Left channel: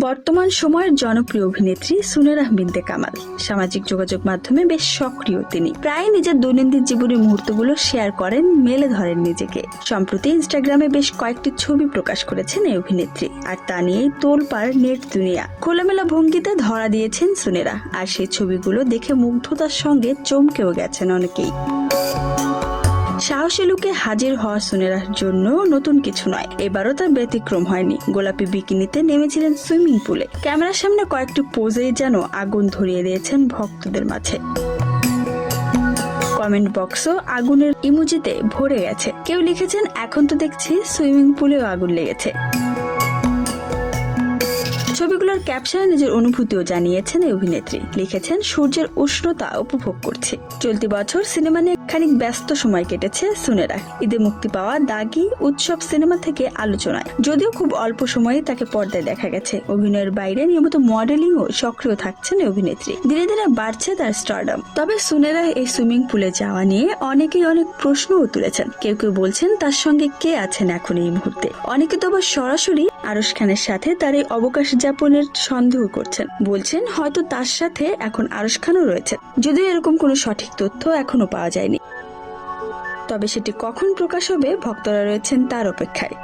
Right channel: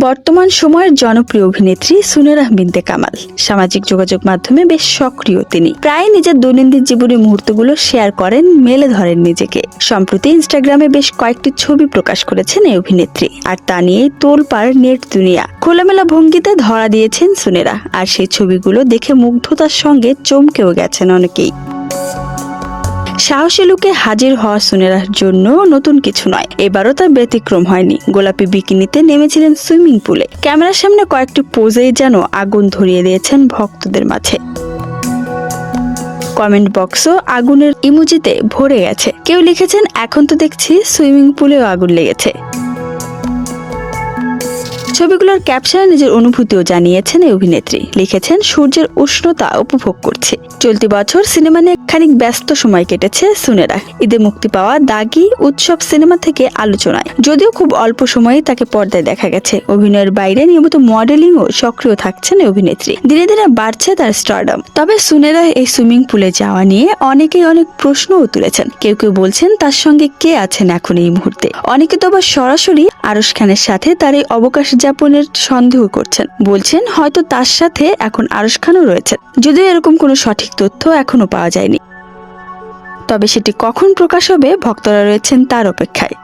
বর্তমান সময়ের জনপ্রিয় অভিনেত্রী সুনেরা বিনতে কামাল। সামাজিক যোগাযোগ মাধ্যমে বেশ সক্রিয় তিনি। প্রায় নিজের দৈনন্দিন জীবনের মুহূর্তগুলো শেয়ার করেন, মেলে ধরেন নিজেকে। সম্প্রতি ইনস্টাগ্রামে বেশ কয়েকটি ছবি প্রকাশ করেছেন এই অভিনেত্রী। আর তা নিয়েই তোলপাড় নেট দুনিয়া। খোলামেলা ভঙ্গিতে ধরা দিয়েছেন সুনেরা। আর সেই ছবিগুলো দেখে মুগ্ধতার সঙ্গে চমকেও গেছেন অনেকেই। সাহসী লুকে হাজির হওয়া সুনেরার জন্য নতুন কিছু নয়। এবারও তার ব্যতিক্রম হয়নি। গোলাপি বিকিনিতে নেমেছিলেন সুইমিং পুলে। ক্যামেরার সামনে কয়েকটি পোজেই যেন আগুন ধরিয়ে দিয়েছেন ভক্তদের মাঝে। কমেন্ট বক্সও আগুনের ইমুজিতে ভরে গেছে। কেউ লিখেছেন, এখন তো দেখছি সুইমিং পুলেও আগুন লেগেছে। ছবিগুলোর ক্যাপশনে নিজের অনুভূতিও জানিয়েছেন এই অভিনেত্রী। লিখেছেন, সূর্যের উষ্ণতা উপভোগ করছে। চলতি বছর সিনেমা নিয়ে খানিক ব্যস্ত সময় কেটেছে সুনেরা। ঈদে মুক্তি পাওয়া দাগি উৎসব সিনেমা থেকে আলোচনায়। যদিও খুব অল্প সময়ে তাকে পর্দায় দেখা গেছে। অভিনয়ের বাইরে নিয়মিত মডেলিং ও সক্রিয় থাকছেন অভিনেত্রী। ধীরে ধীরে বাড়ছে তার স্টারডম তবে সুনেরা এই সুইমিং পুলে যাওয়া নিয়ে অনেকেই অনেক প্রশ্নও তুলেছেন। কেউ কেউ বলছেন, তার সঙ্গে কে আছেন এখন এই মুহূর্তে? অনেকে তো আবার সরাসরি আরশ খানের সাথে তার এই অবকাশ যাপনের সন্দেহ করছেন। বলছেন, হয়তো তার সাথে এখন আরশ খানও রয়েছেন যদিও এরকম কোনো সঠিক তথ্য এখনও পাওয়া যায়নি। তবে সেটি কখন প্রকাশ হবে ভক্তরা রয়েছেন তার অপেক্ষায়।